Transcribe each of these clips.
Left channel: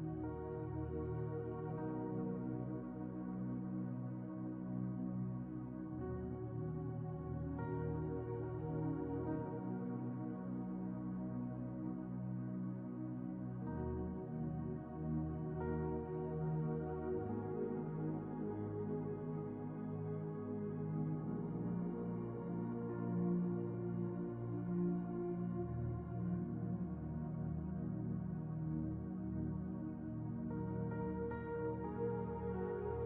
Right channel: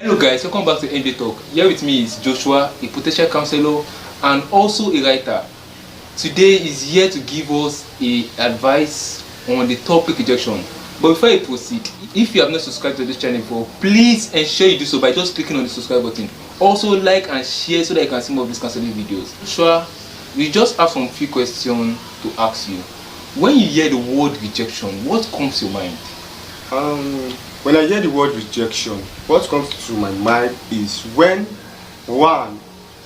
Hello guys, welcome back to NJ Talk. Here with me is Joshua, a potential counselor and also a writer. Today is here to give us a advice on the topic rejection. But before I proceed, if you have not subscribed to this channel before, please ensure you do so by just clicking on the subscribe button. Also like and share so that you can see more of these counseling videos. Joshua, we just have some few questions to ask you. When you hear the word rejection, what comes to your mind? When I hear the word rejection, what comes to my mind is when one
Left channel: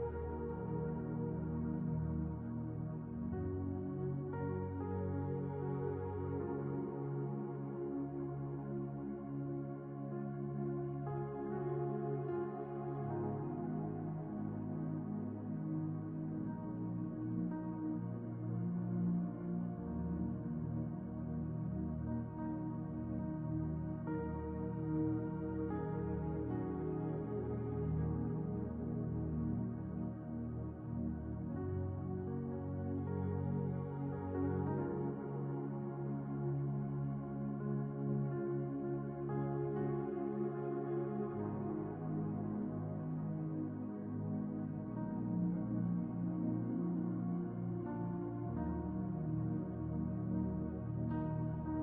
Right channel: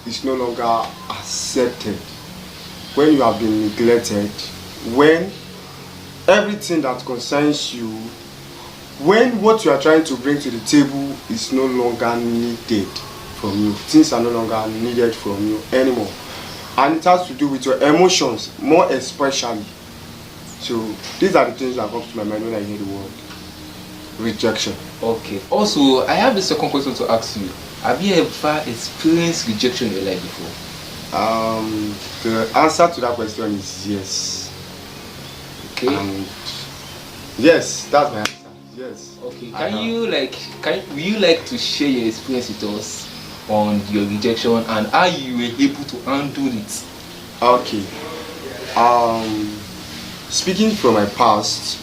is no longer accepted, when you have been neglected, when everything that concerns you, when what you are trying to bring to the table is no longer needed from you, things are no longer needed from you anymore. And it has to do with your emotions, more especially. So these are the things that come to my mind when I hear the word rejection. Okay. Also, I have the second question to ask you. Have you ever experienced rejection in your life before? The answer to that question is yes. Okay. And yes, that's my answer. Yes. Okay. Will you like to share your experience with us on your rejection and how you were able to handle it? Okay. Speaking from my past,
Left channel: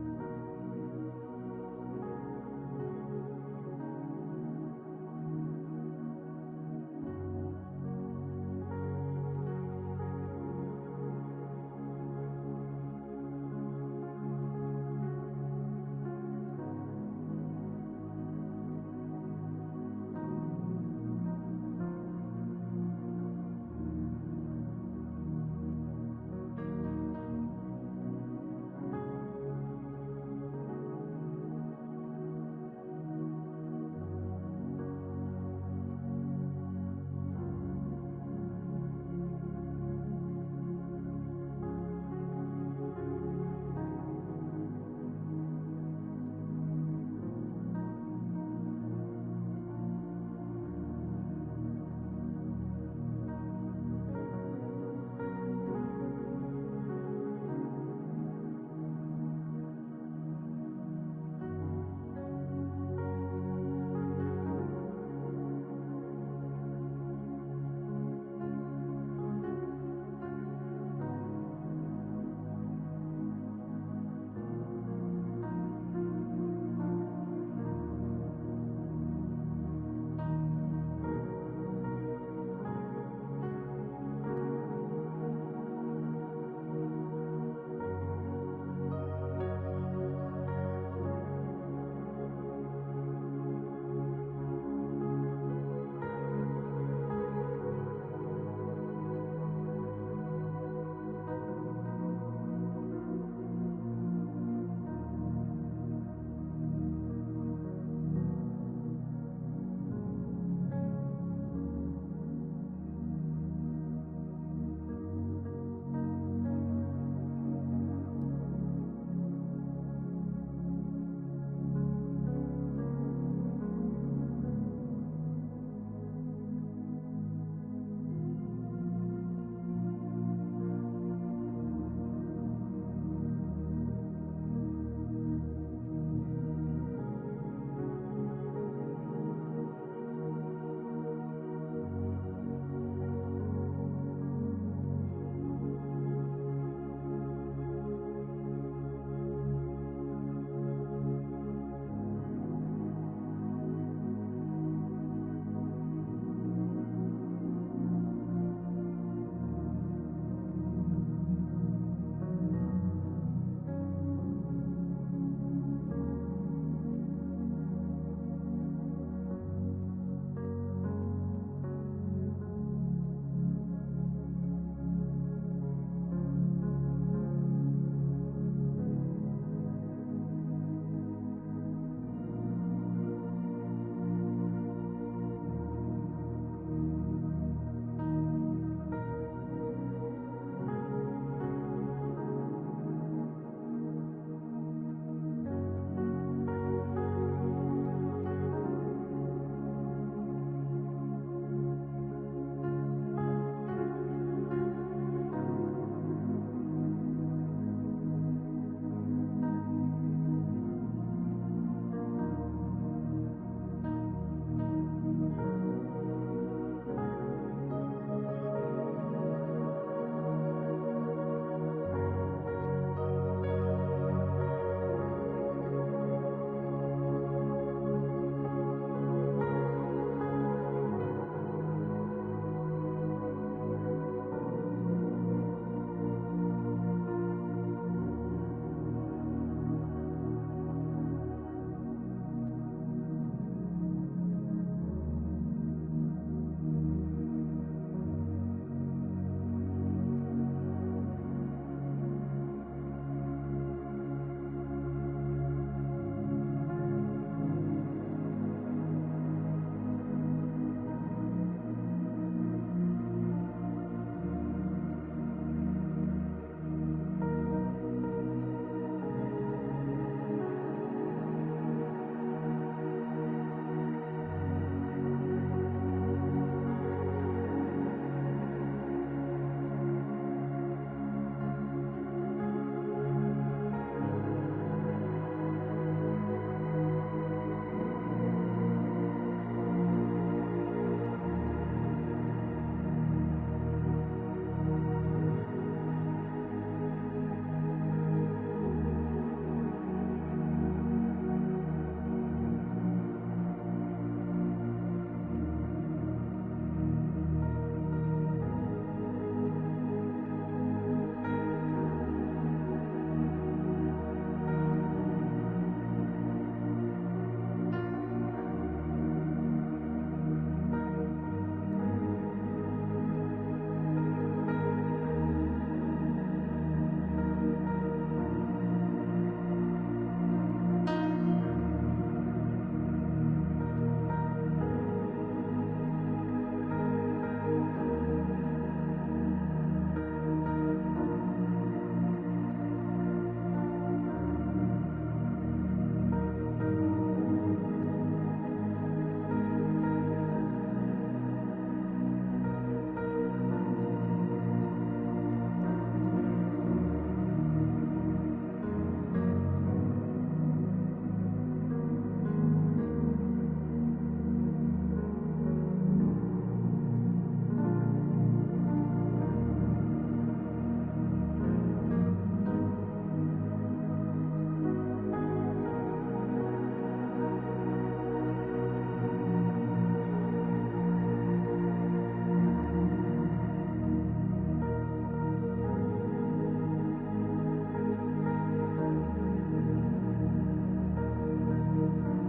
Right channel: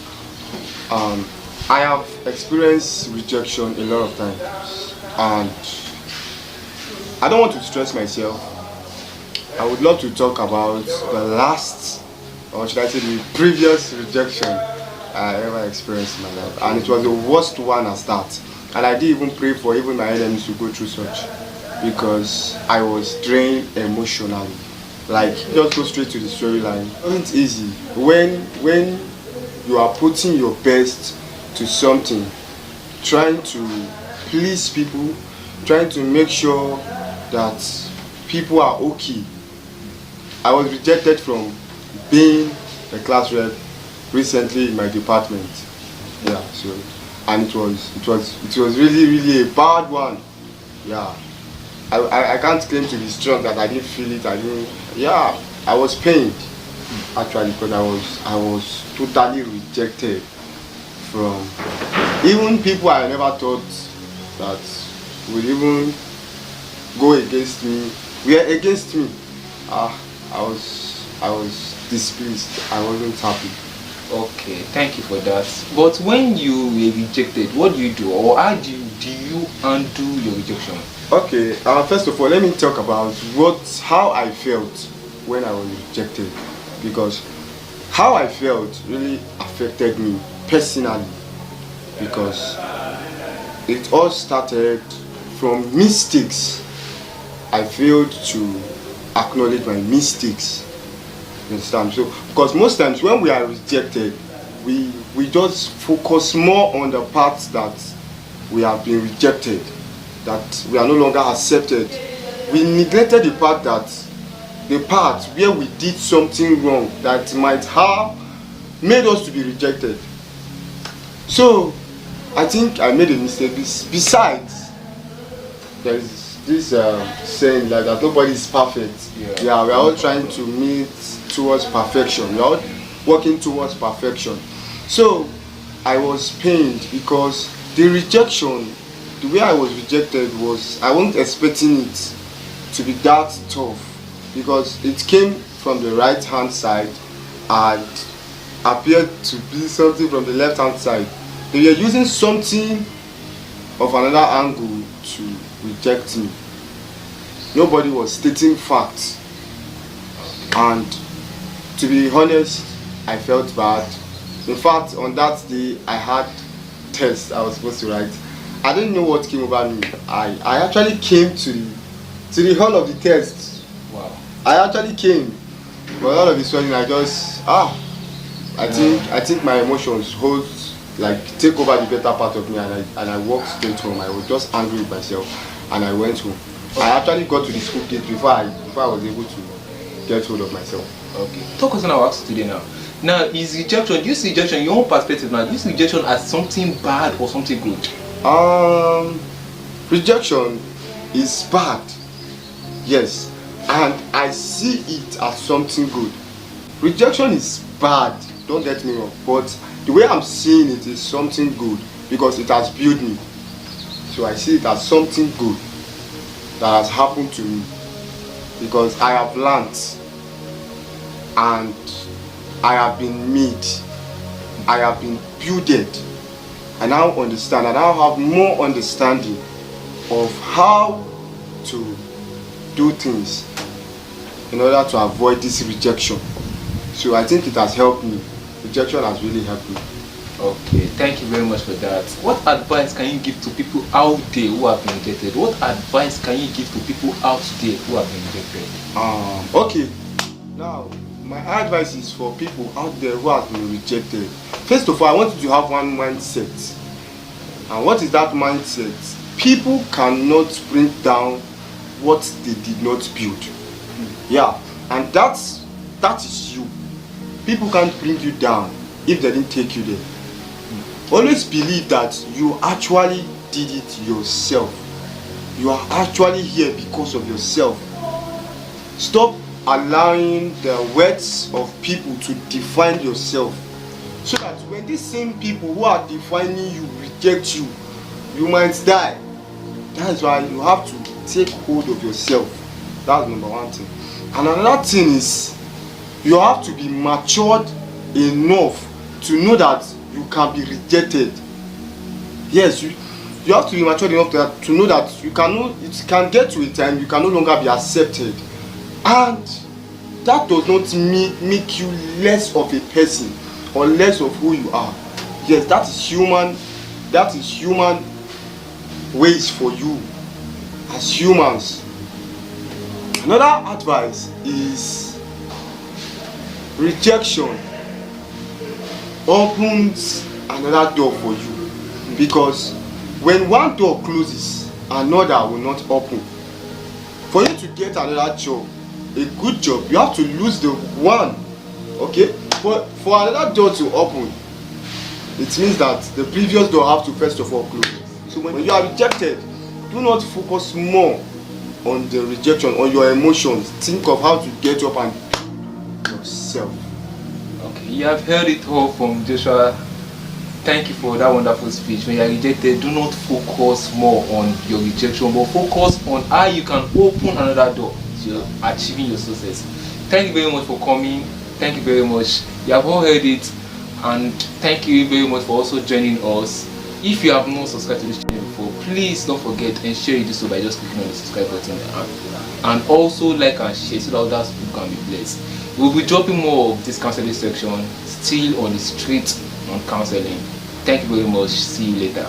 I have experienced rejection a lot of times, and I don't want to stress myself. I would love to talk about the last, or should I say the previous rejection I ever experienced in my life, and it was the worst one as that. And I didn't even pray for even my enemies to go through such, because I was drained emotionally. Like, just go straight to the storyline. It wasn't easy when you are putting your best to something, trying to please people, trying to make sure that people are okay. I was rejected from being a class rep recently in my department. Yeah, so and it was really a bad one. Yeah. I can't claim to be strong that I didn't feel it. I was pained actually, because I was totally rejected from even people I never thought that would even go against me. Were against me. I was displeased. I wasn't happy. Okay, thank you for that. But when you were rejected, what do you do, or how do you undo your rejection? Okay, first of all, let me talk about how I felt when I was rejected, because how I felt really affected me personally, because it all started from mistakes. I failed to acknowledge my mistakes. You understand? So, because most times when we are rejected, we just focus more on the parts that we have been rejected, that we are no longer accepted. We neglected the part where we did something wrong that might have made us to be rejected. So I think I made a mistake. Besides, there is this saying like that nobody is perfect. Yeah, we are all trying to meet towards perfection. We are all working towards perfection. So I was pained because the rejection, the way I was rejected was, I wasn't expecting it to be that tough, because it came from the right hand side and appeared to be something from the left hand side. They were using something of another angle to reject me. Nobody was stating facts, and to be honest, I felt bad. In fact, on that day I had tests I was supposed to write. I didn't know what came over me. I actually came to the hall of the test. Wow. I actually came, but all of a sudden I think my emotions take over the better part of me, and I walked straight home. I was just angry with myself, and I went home. I actually got to the school gate before I was able to get hold of myself. Okay. Talk us on our ask today now. Now, is rejection, do you see rejection in your own perspective now? Do you see rejection as something bad or something good? Rejection is bad, yes, and I see it as something good. Rejection is bad, don't get me wrong, but the way I'm seeing it is something good, because it has built me. So I see it as something good that has happened to me, because I have learned and I have been made, I have been builded. I now understand, I now have more understanding of how to do things in order to avoid this rejection. So I think it has helped me. Rejection has really helped me. Okay, thank you very much for that. What advice can you give to people out there who have been rejected? What advice can you give to people out there who have been rejected? Okay, now my advice is for people out there who have been rejected. First of all, I want you to have one mindset. And what is that mindset? People cannot bring down what they did not build. Yeah, and that is you. People can't bring you down if they didn't take you there. Always believe that you actually did it yourself. You are actually here because of yourself. Stop allowing the words of people to define yourself, so that when these same people who are defining you reject you, you might die. That is why you have to take hold of yourself. That's number one thing. And another thing is, you have to be matured enough to know that you can be rejected. Yes, you have to be matured enough to know that it can get to a time you can no longer be accepted. And that does not make you less of a person or less of who you are. Yes, that is human. That is human ways for you as humans. Another advice is, rejection opens another door for you, because when one door closes, another will not open. For you to get another job, a good job, you have to lose the one. Okay, for another door to open, it means that the previous door have to first of all close. So when you are rejected, do not focus more on the rejection, on your emotions. Think of how to get up and build yourself. Okay, you have heard it all from Joshua. Thank you for that wonderful speech. When you are rejected, do not focus more on your rejection, but focus on how you can open another door to achieving your success. Thank you very much for coming. Thank you very much. You have all heard it, and thank you very much for also joining us. If you have not subscribed to this channel before, please don't forget and share it so by just clicking on the subscribe button, and also like and share so that others can be blessed. We'll be dropping more of this counseling section still on the street on counseling. Thank you very much. See you later.